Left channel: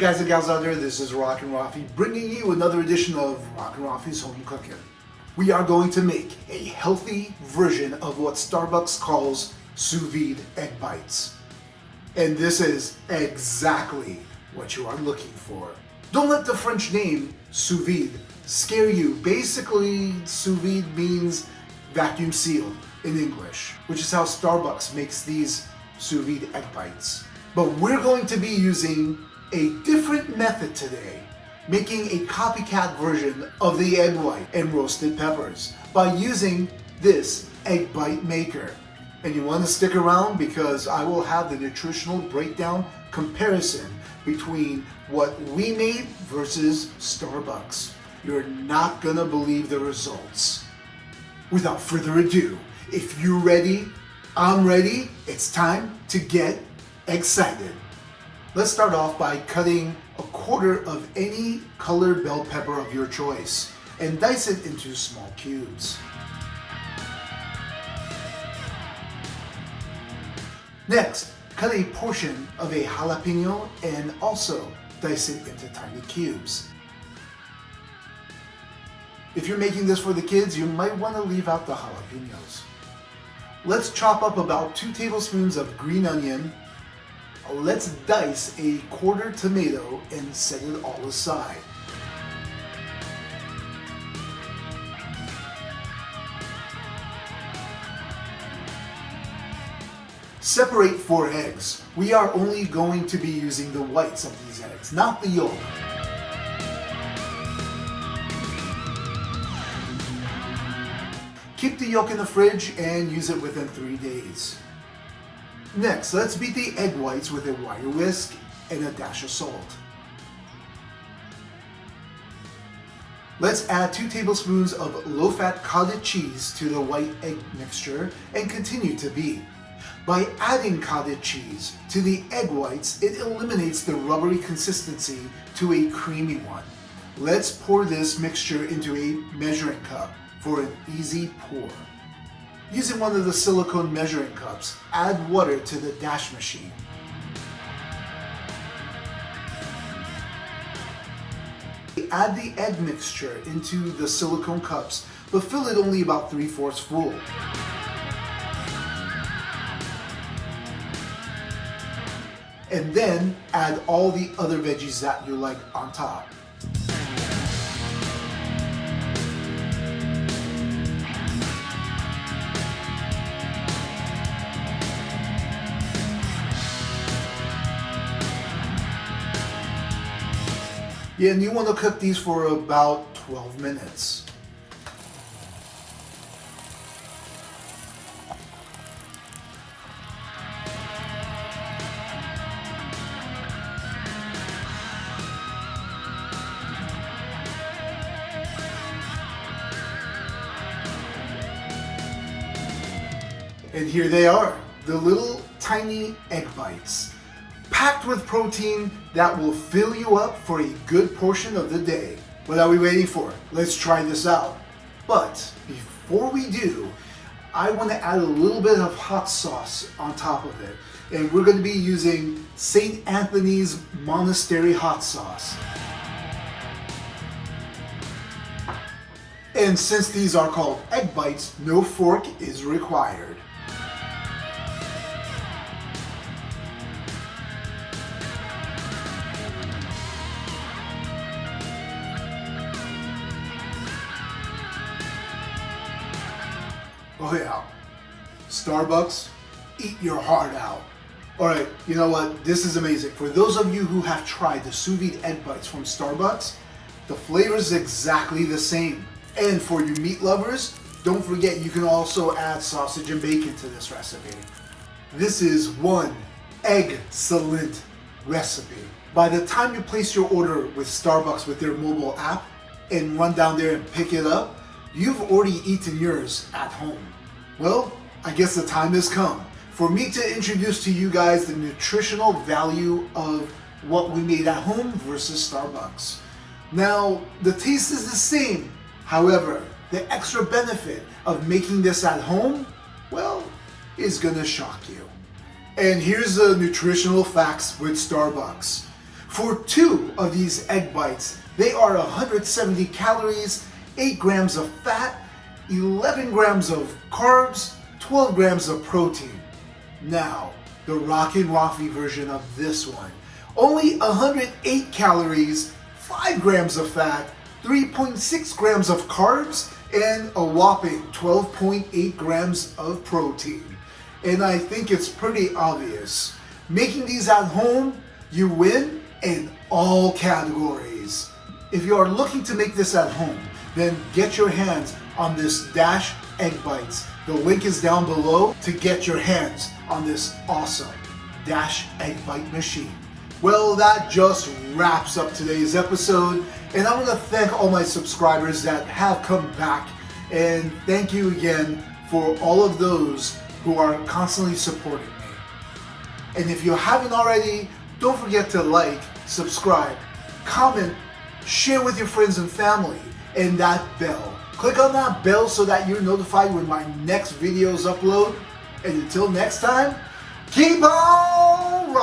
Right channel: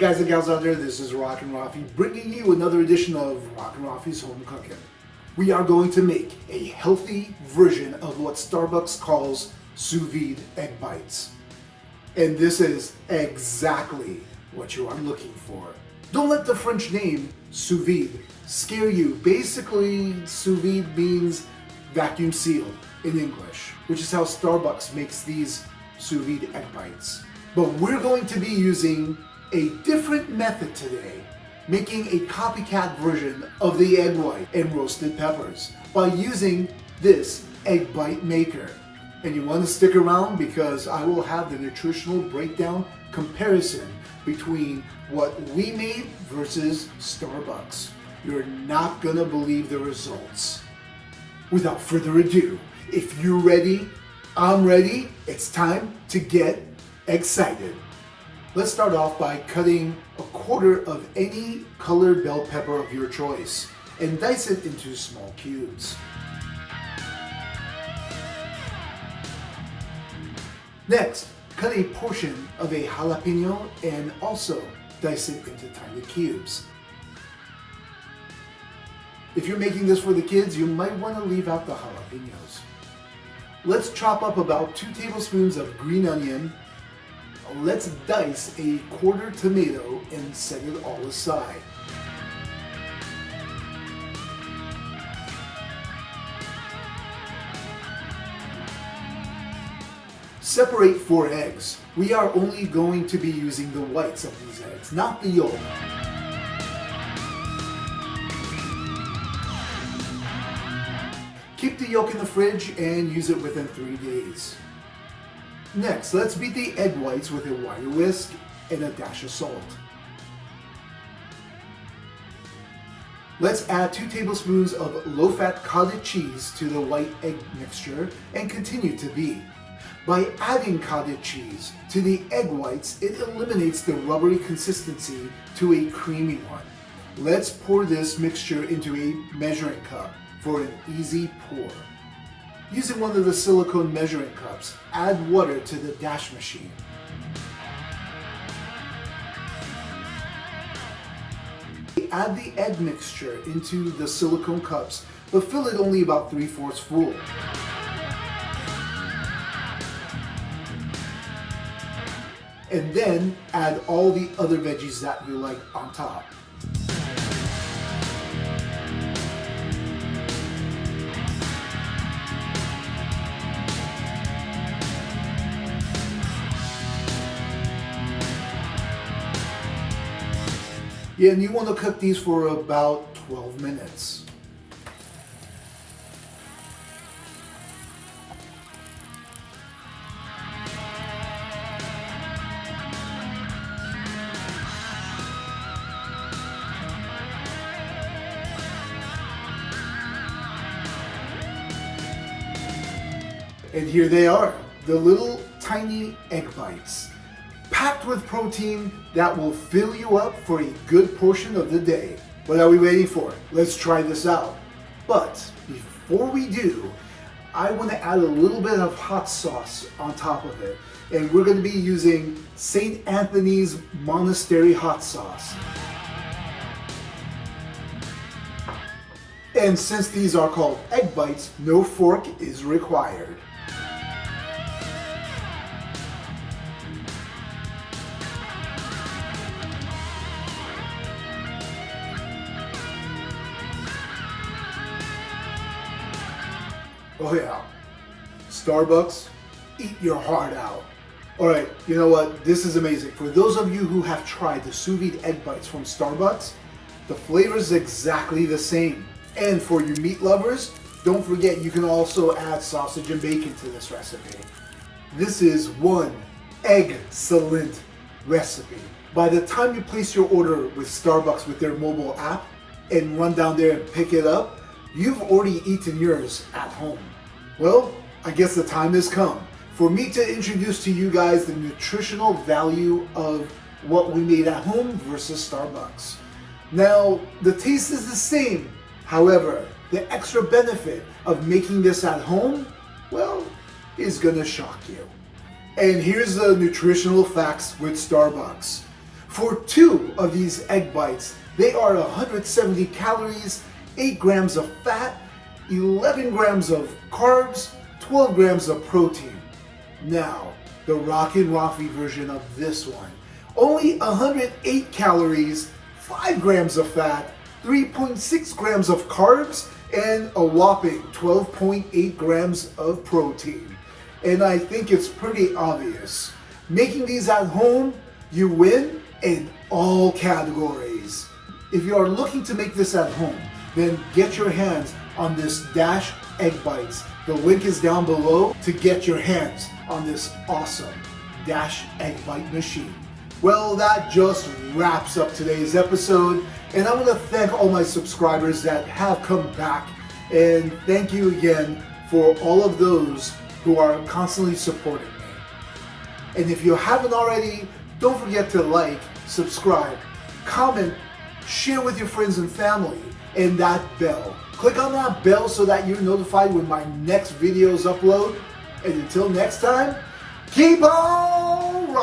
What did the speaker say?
guys and gals out there, this is Rockin' Rafi bringing you another edition of Rockin' Rafi's Home Cooking. We are going to make a healthy version of what Starbucks calls sous vide egg bites. And this is exactly what you are looking for. Don't let the French name sous vide scare you. Basically, sous vide means vacuum sealed in English, which is how Starbucks makes these sous vide egg bites. But we're going to be using a different method today, making a copycat version of the egg white and roasted peppers by using this egg bite maker. And you want to stick around because I will have the nutritional breakdown comparison between what we made versus Starbucks. You're not gonna believe the results. Without further ado, if you're ready, I'm ready, it's time to get excited. Let's start off by cutting a quarter of any colored bell pepper of your choice and dice it into small cubes. Next, cut a portion of a jalapeno and also dice it into tiny cubes. If you're making this for the kids, you might want to leave out the jalapenos. Let's chop up about 2 tablespoons of green onion. Let's dice a quarter tomato and set it all aside. Separate 4 eggs. We are only going to be using the whites of these eggs, not the yolk. Keep the yolk in the fridge and use it within 3 days. Next, let's beat the egg whites with a wire whisk and a dash of salt. Let's add 2 tablespoons of low-fat cottage cheese to the white egg mixture and continue to beat. By adding cottage cheese to the egg whites, it eliminates the rubbery consistency to a creamy one. Let's pour this mixture into a measuring cup for an easy pour. Using one of the silicone measuring cups, add water to the dash machine. Add the egg mixture into the silicone cups, but fill it only about 3/4 full. And then add all the other veggies that you like on top. Yeah, and you want to cook these for about 12 minutes. And here they are, the little tiny egg bites, packed with protein that will fill you up for a good portion of the day. What are we waiting for? Let's try this out. But before we do, I want to add a little bit of hot sauce on top of it. And we're going to be using St. Anthony's Monastery hot sauce. And since these are called egg bites, no fork is required. Oh yeah, Starbucks, eat your heart out. All right, you know what? This is amazing. For those of you who have tried the sous vide egg bites from Starbucks, the flavor is exactly the same. And for you meat lovers, don't forget you can also add sausage and bacon to this recipe. This is one excellent recipe. By the time you place your order with Starbucks with their mobile app and run down there and pick it up, you've already eaten yours at home. Well, I guess the time has come for me to introduce to you guys the nutritional value of what we made at home versus Starbucks. Now, the taste is the same. However, the extra benefit of making this at home, well, is gonna shock you. And here's the nutritional facts with Starbucks. For 2 of these egg bites, they are 170 calories, 8 grams of fat, 11 grams of carbs, 12 grams of protein. Now, the Rockin' Rafi version of this one. Only 108 calories, 5 grams of fat, 3.6 grams of carbs, and a whopping 12.8 grams of protein. And I think it's pretty obvious. Making these at home, you win in all categories. If you are looking to make this at home, then get your hands on this Dash Egg Bites. The link is down below to get your hands on this awesome Dash Egg Bite machine. Well, that just wraps up today's episode, and I want to thank all my subscribers that have come back, and thank you again for all of those who are constantly supporting me. And if you haven't already, don't forget to like, subscribe, comment, share with your friends and family, and that bell. Click on that bell so that you're notified when my next videos upload. And until next time, keep on